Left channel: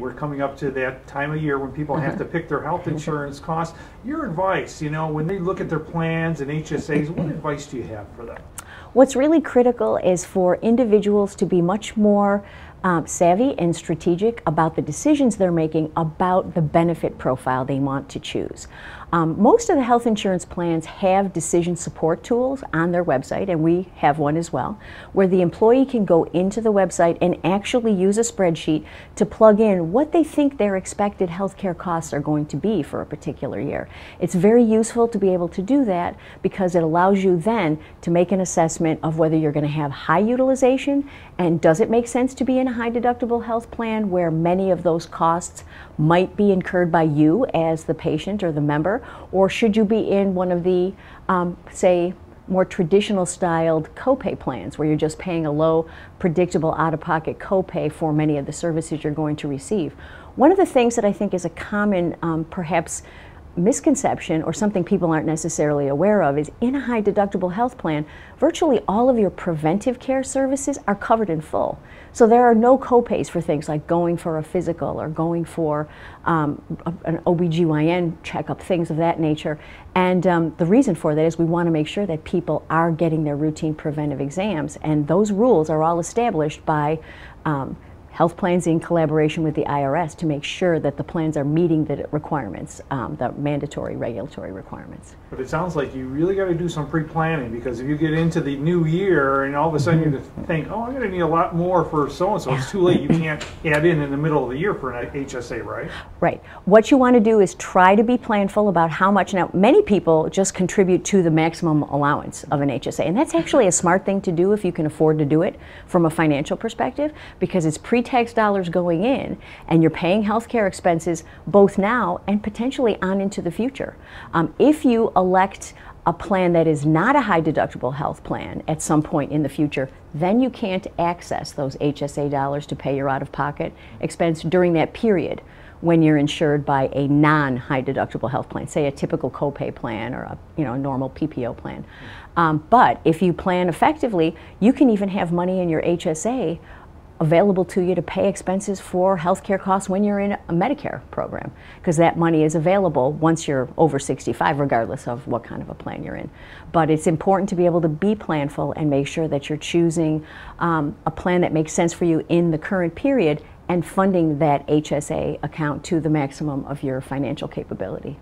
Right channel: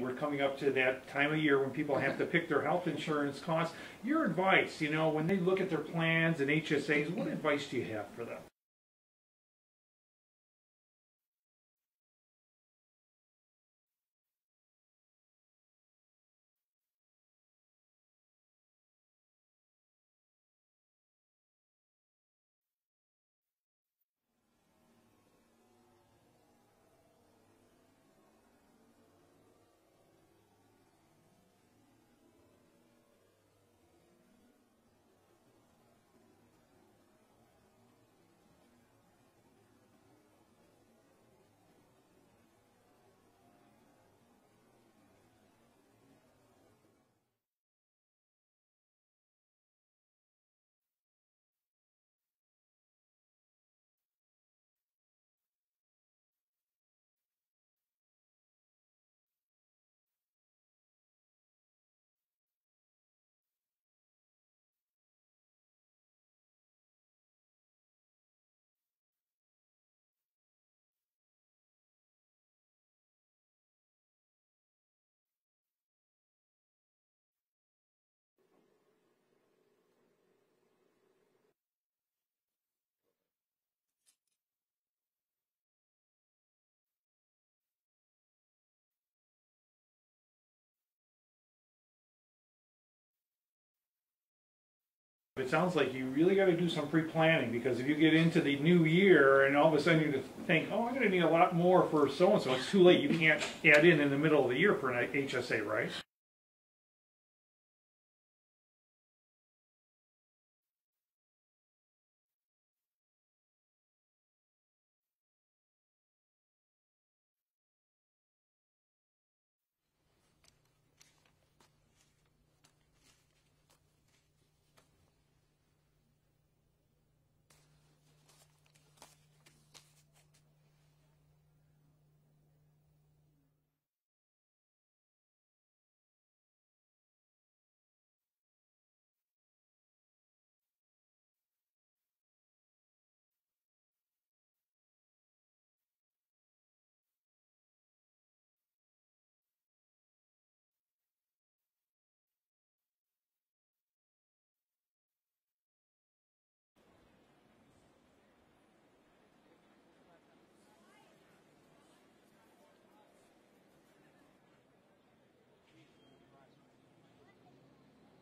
We're coming up to that time of year when people have to pick their health insurance costs. Your advice, when they look at their plans and HSAs, what advice do you have for them? What's really critical is for individuals to be much more savvy and strategic about the decisions they're making about the benefit profile they want to choose. Most of the health insurance plans have decision support tools on their website, and we have one as well, where the employee can go into the website and actually use a spreadsheet to plug in what they think their expected healthcare costs are going to be for a particular year. It's very useful to be able to do that because it allows you then to make an assessment of whether you're going to have high utilization and does it make sense to be in a high deductible health plan where many of those costs might be incurred by you as the patient or the member, or should you be in one of the, say, more traditional styled copay plans where you're just paying a low, predictable out-of-pocket copay for many of the services you're going to receive. One of the things that I think is a common, perhaps, misconception or something people aren't necessarily aware of is in a high deductible health plan, virtually all of your preventive care services are covered in full. So there are no copays for things like going for a physical or going for an OBGYN checkup, things of that nature. And the reason for that is we want to make sure that people are getting their routine preventive exams, and those rules are all established by health plans in collaboration with the IRS to make sure that the plans are meeting the requirements, the mandatory regulatory requirements. But it sounds like you really got to do some pre-planning, because if you get into the new year and all of a sudden you think, oh, I'm going to need a lot more for so-and-so, it's too late. You can't add in the middle of the year for an HSA, right? Right. What you want to do is try to be planful about how much. Now, many people just contribute to the maximum allowance of an HSA, and that's actually a smart thing to do if you can afford to do it from a financial perspective, because it's pre-tax dollars going in, and you're paying health care expenses both now and potentially on into the future. If you elect a plan that is not a high deductible health plan at some point in the future, then you can't access those HSA dollars to pay your out-of-pocket expense during that period when you're insured by a non-high deductible health plan, say a typical copay plan or a normal PPO plan. But if you plan effectively, you can even have money in your HSA available to you to pay expenses for healthcare costs when you're in a Medicare program, because that money is available once you're over 65, regardless of what kind of a plan you're in. But it's important to be able to be planful and make sure that you're choosing a plan that makes sense for you in the current period and funding that HSA account to the maximum of your financial capability.